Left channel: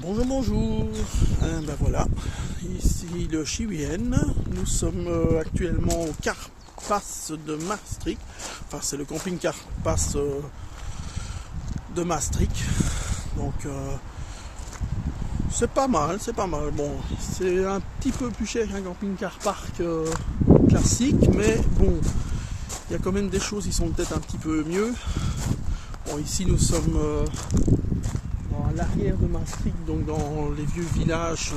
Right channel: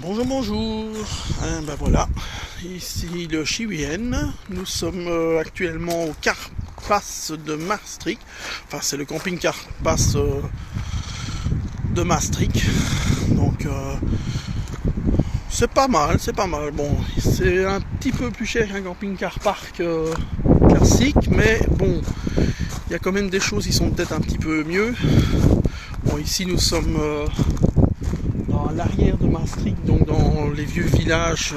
Bonjour, bonjour. Ben voilà, ici le Chiwien. Nous sommes actuellement au Carpas de Maastricht. Enfin, c'est le camping Carpas de Maastricht. Donc, c'est pas mal, c'est pas mal. Bon, c'est un petit peu plus cher qu'un camping car park classique, mais bon, il y a quand même des choses qui sont peut-être un petit peu mieux. Bon, ici nous sommes dans l'arrière de Maastricht, donc dans les vieux villages,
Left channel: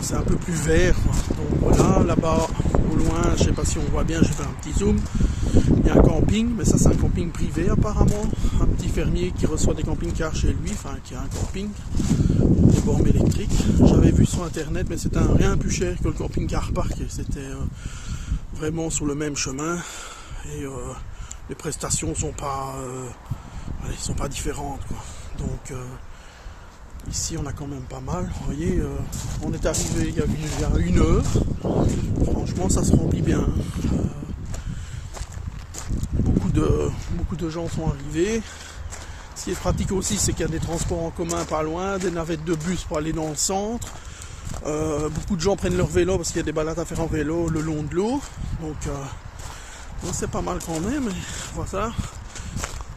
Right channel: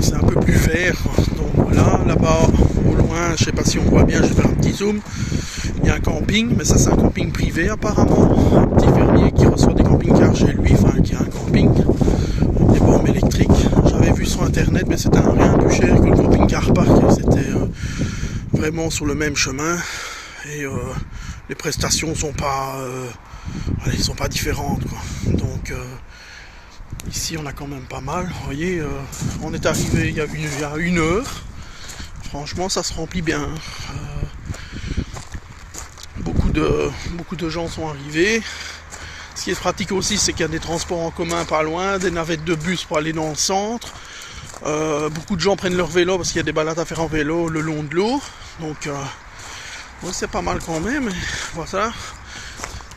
c'est un peu plus vert. Donc voilà, là-bas au loin, je sais pas si on voit bien, je vais faire un petit zoom. Il y a un camping, mais ça c'est un camping privé apparemment. Un petit fermier qui reçoit des camping-cars chez lui, enfin qui a un camping, des bornes électriques. J'avais vu sur internet, mais c'était un rien plus cher que le camping-car park. C'était vraiment sur le même chemin. Et les prestations sont pas, sont pas différentes, quoi. Donc ici on a quand même pas mal. Vous voyez, on est arrivé il y a une heure. Franchement, ça se remplit bien. Beaucoup de gens sont arrivés. Ce qui est pratique aussi, c'est qu'il y a des transports en commun pas loin, des navettes de bus pour aller dans le centre. Beaucoup de gens prennent leur vélo parce qu'il y a des balades à faire en vélo le long de l'eau. Donc c'est pas mal quand même. Voilà.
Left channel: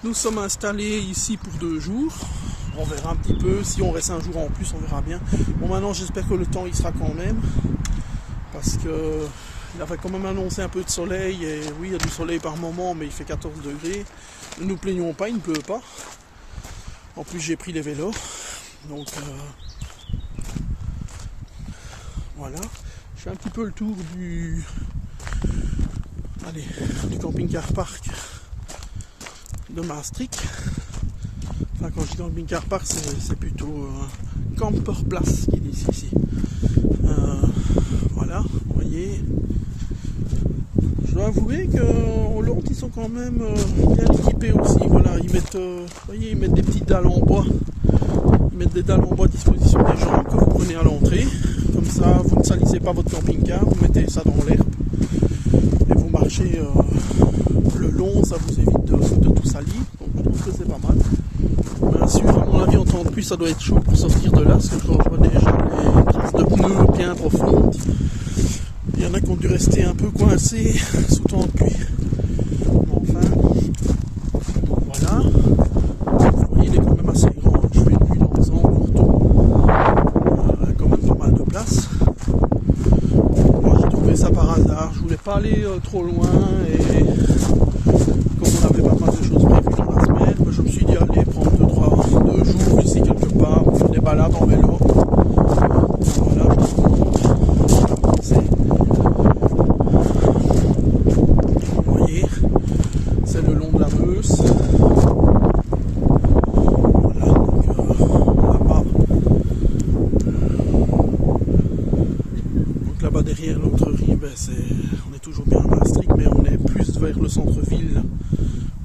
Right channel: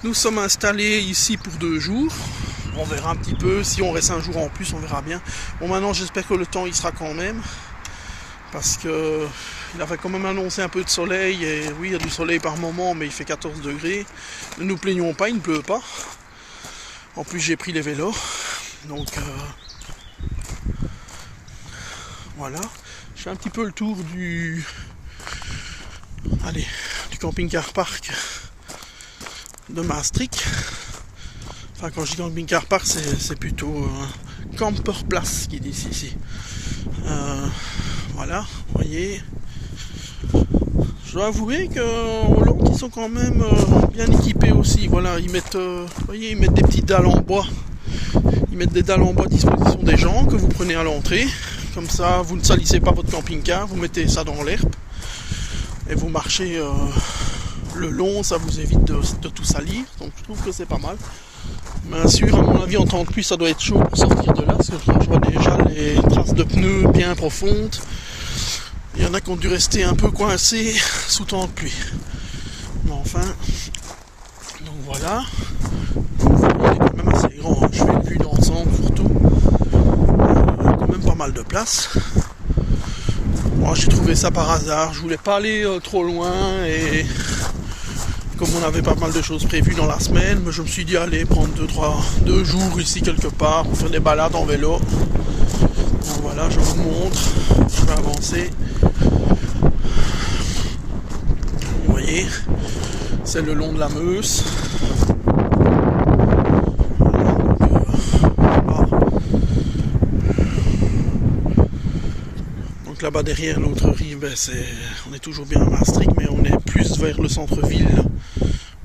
Nous sommes installés ici pour 2 jours. On verra un petit peu. Si on reste un jour en plus, on verra bien. Bon, maintenant j'espère que le temps il sera quand même. Parce que il avait quand même annoncé un peu de soleil. Et oui, il y a du soleil par moment, mais il fait 14 degrés. Ne nous plaignons pas, il ne pleut pas. En plus j'ai pris les vélos. Donc voilà. Je fais un petit peu le tour du camping-car park de Maastricht. Enfin, quand je dis camping-car park, c'est plutôt camperplaats qui dit ici. Voilà, vous voyez. Je dois avouer qu'en Hollande, ils sont quand même bien équipés aussi. Voilà, ils mettent des petites dalles en bois. Ils mettent des dalles en bois à disposition des gens que vous prenez à l'entrée. Comme ça, vous ne salissez pas votre camping-car, vous mettez ça dans l'herbe et vous marchez le long, ça vous évite de tout salir. Donc je trouve que c'est pas mal. Bien sûr, à mon avis, en temps de pluie, ça doit être chaud pour sortir de là, parce que je vois déjà les traces de pneus bien profondes. Il y en a qui ont dû rester un peu coincés sous temps de pluie. Mais enfin, donc voilà. Il est quand même assez grand. Je fais une vue d'ensemble surtout. Quand même pas mal de place. Moi, j'ai trouvé ça par hasard. Je voulais pas aller trop loin et comme on avait pas mal de choses prévues dans la semaine, je me suis dit allez prendre 2 jours ici quelque part pour faire des balades en vélo. Donc voilà, je vous montre. Je vais avancer. Vous voyez, c'est le long de la Meuse. Donc là-bas derrière l'autre rive, on est toujours bien à Maastricht, mais on est plus vers le centre-ville.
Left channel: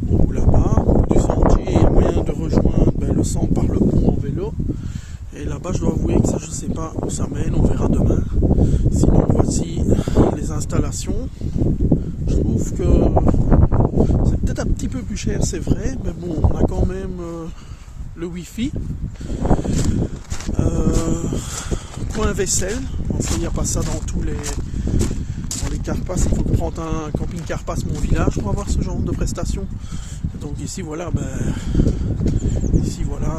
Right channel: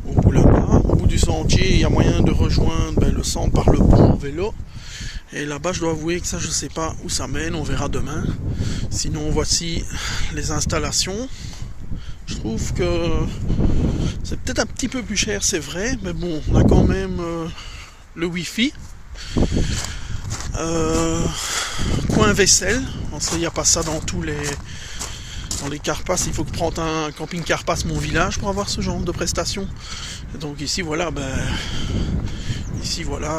Au bout là-bas, au bout du sentier, il y a moyen de rejoindre le centre par le pont en vélo. Et là-bas, je dois avouer que ça, je sais pas où ça mène, on verra demain. Sinon, voici les installations. Je trouve que c'est peut-être un petit peu plus cher, c'est vrai, mais bon, on a quand même le Wi-Fi. Coin vaisselle, parce qu'il n'y a pas ça dans les Carpas. Il faut prendre un camping Carpas Mon Village pour avoir ce genre de prestations. Et donc ici voilà, un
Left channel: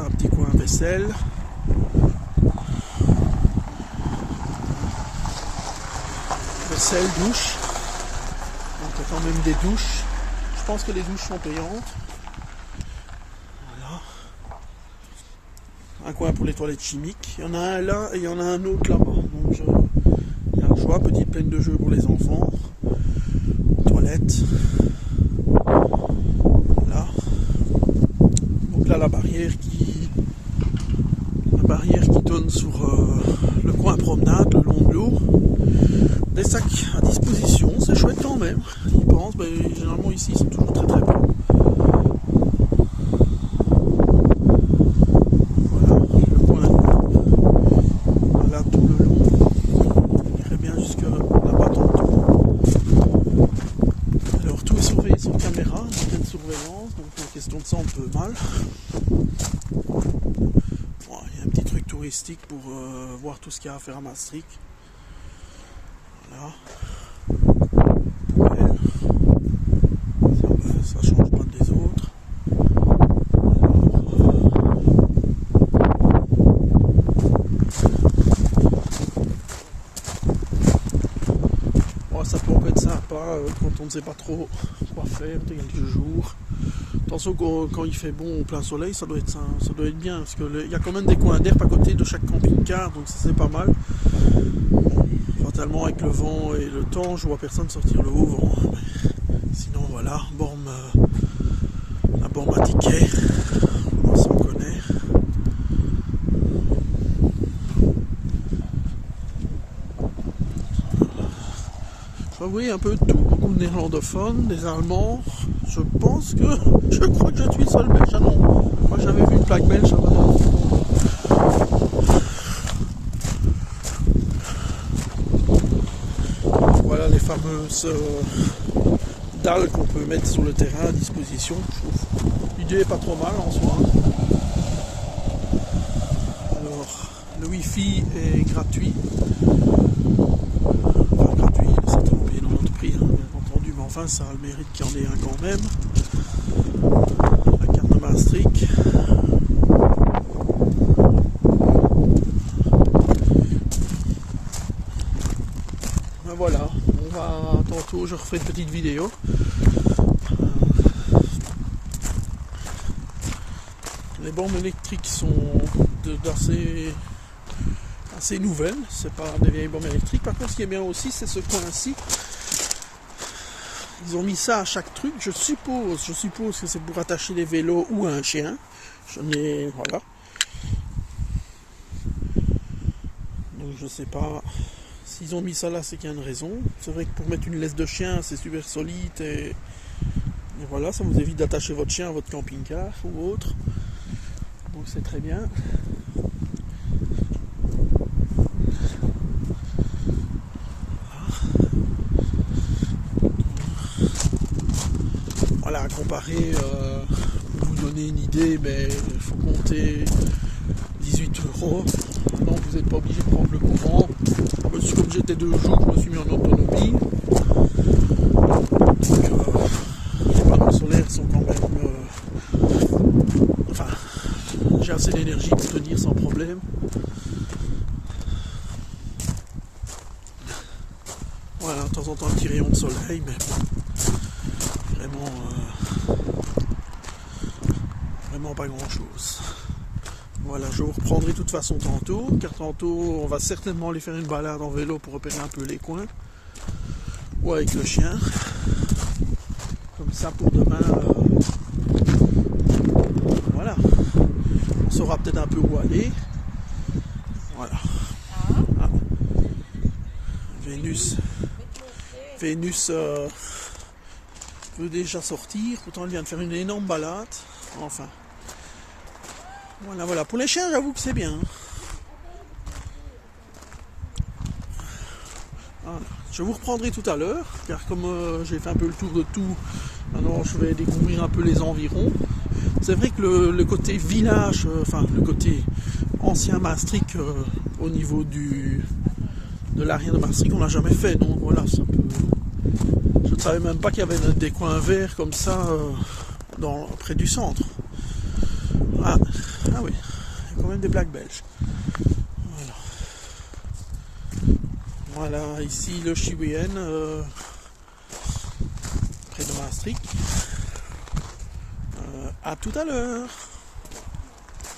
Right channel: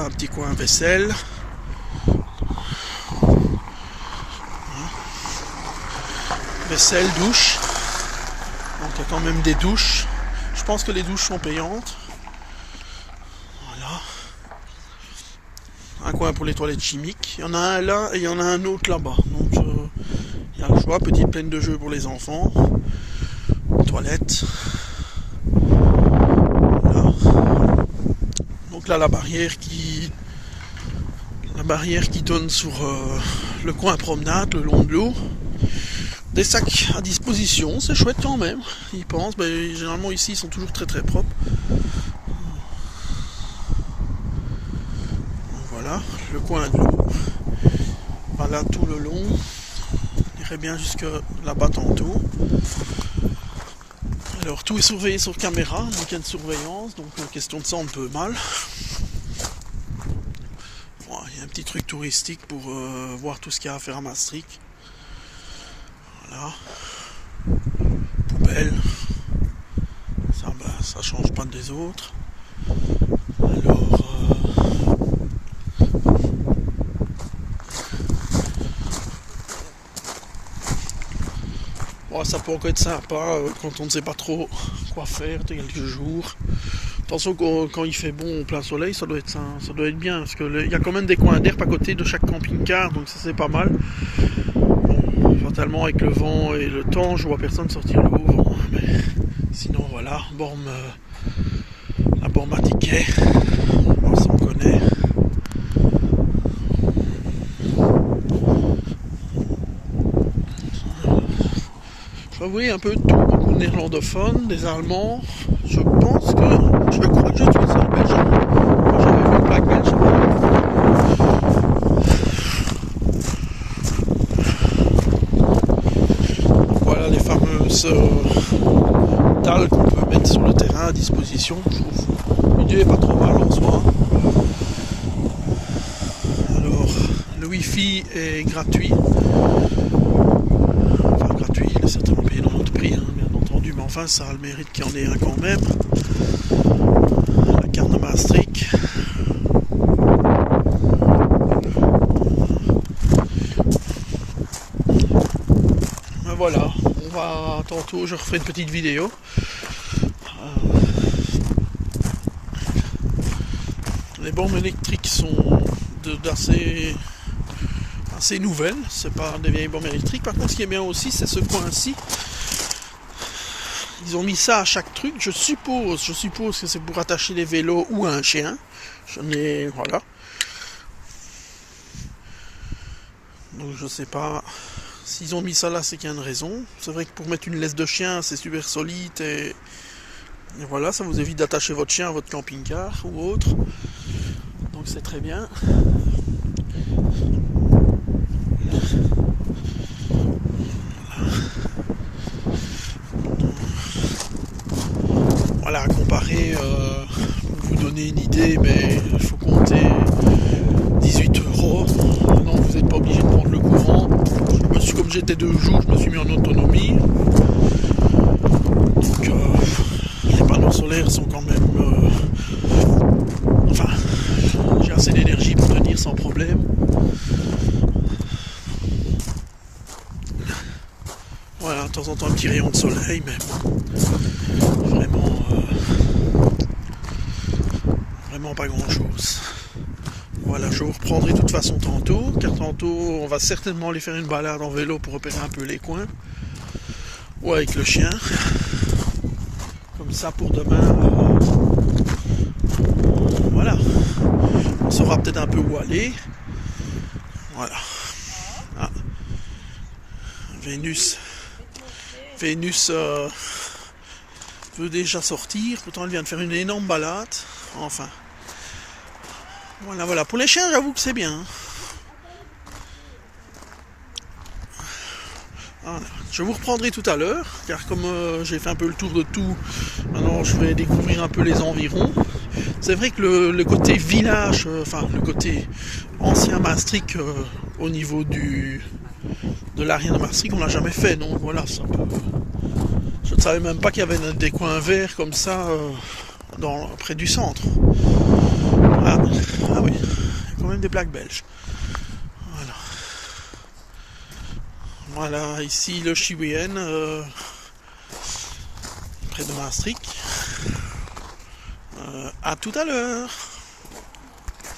petit coin vaisselle. Vaisselle, douche. Donc il y a quand même des douches. Je pense que les douches sont payantes. Voilà. Un coin pour les toilettes chimiques. Il y en a un là et il y en a un autre là-bas. Donc il y a le choix, petite plaine de jeux pour les enfants. Toilettes. Voilà. Donc là la barrière qui donne sur le coin promenade, le long de l'eau. Des sacs à disposition, c'est chouette quand même. Ils pensent, généralement ici ils sont toujours très très propres. Voilà, le coin de l'eau. Voilà tout le long. On irait bien jusque là-bas tantôt. Alors tout est surveillé sur caméra, donc il y a une surveillance, donc question de ça on peut mal. touristique pour voir tout ce qu'il y a à faire à Maastricht. Voilà. Poubelle. Ça, ça change pas des autres. Alors, ça peut encore être sympa quand on ne sait pas trop quoi faire de quelques jours. Attention, quand il fait bon au plein soleil, ça doit être bien, parce qu'il y a quand même des coins d'herbe à côté de chaque camping-car, donc ça c'est pas mal. Bon, fatalement avec le vent et le temps, je vois personne sortir le haut vent, mais sinon voilà, la borne à ticket, ça on connaît. Je vois un peu de tout, beaucoup de néerlandophones, des allemands. Je crois que je suis seul belge. J'avais vu une plaque belge. Voilà les fameuses dalles qu'on peut mettre sur le terrain à disposition. L'idée est pas trop mal en soi. Alors, le Wi-Fi est gratuit. Enfin, gratuit, il est certainement payé dans notre prix, hein, bien entendu, mais enfin, ça a le mérite qu'il y en ait un quand même. La carte de Maastricht. Ben voilà, on va tantôt, je referai une petite vidéo. Les bornes électriques sont assez nouvelles, c'est pas des vieilles bornes électriques. Par contre, ce qui est bien aussi, c'est ce coin-ci. Ils ont mis ça à chaque truc. Je suppose que c'est pour attacher les vélos ou un chien. Mais voilà. Donc je sais pas. S'ils ont mis ça là, c'est qu'il y a une raison. C'est vrai que pour mettre une laisse de chien, c'est super solide et voilà, ça vous évite d'attacher votre chien à votre camping-car ou autre. Donc c'est très bien. Voilà, comparé, pour vous donner une idée, mais il faut compter 18 €. Non, vous n'êtes pas obligé de prendre le courant. Comme j'étais 2 jours, je me suis mis en autonomie. Donc les panneaux solaires sont quand même... enfin, j'ai assez d'énergie pour tenir sans problème. Voilà, de temps en temps un petit rayon de soleil, mais bon, vraiment pas grand chose. Voilà, je vous reprendrai de toute façon tantôt, car tantôt on va certainement aller faire une balade en vélo pour repérer un peu les coins, ou avec le chien. Comme ça pour demain, voilà, on saura peut-être un peu où aller. Voilà. Ah. Vénus veut déjà sortir, pourtant elle vient de faire une énorme balade. Enfin. Voilà. Pour les chiens, j'avoue que c'est bien. Voilà. Je vous reprendrai tout à l'heure, car comme j'ai fait un peu le tour de tout, maintenant je vais découvrir un peu les environs. C'est vrai que le côté village, enfin le côté ancien Maastricht, au niveau de l'arrière de Maastricht, on l'a jamais fait. Donc voilà, je ne savais même pas qu'il y avait des coins verts comme ça près du centre. Ah oui, il y a quand même des plaques belges. Voilà, ici le Chiwien, près de Maastricht. À tout à l'heure.